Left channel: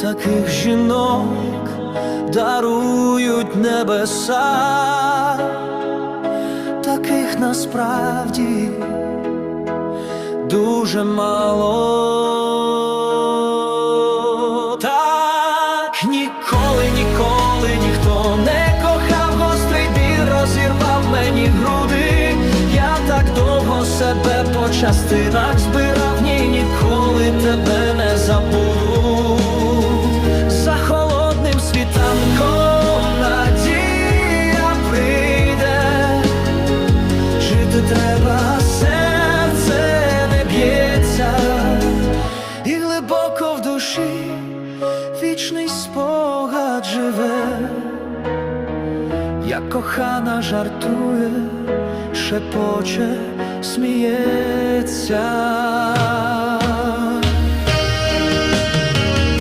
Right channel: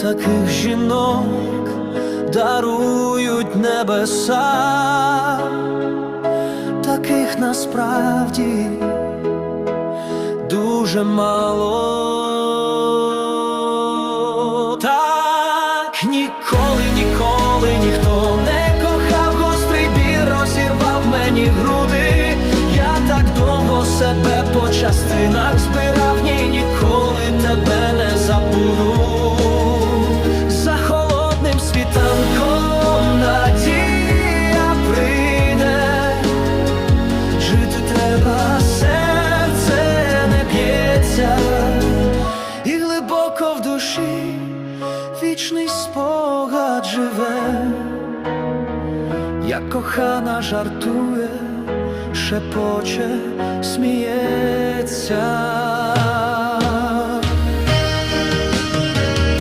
таких жінок дарують небеса, таких насправді дуже мало. Так ніколи, ніколи ніхто не кохав, гострий біль розірвав мені груди. Я так довго себе по частинах збирав, ні, ніколи тебе не забуду. Світанком надія прийде. Жити треба, серце не б'ється, і глибоко в душі вічний спогад живе, як кохана жартує, шепоче, сміється.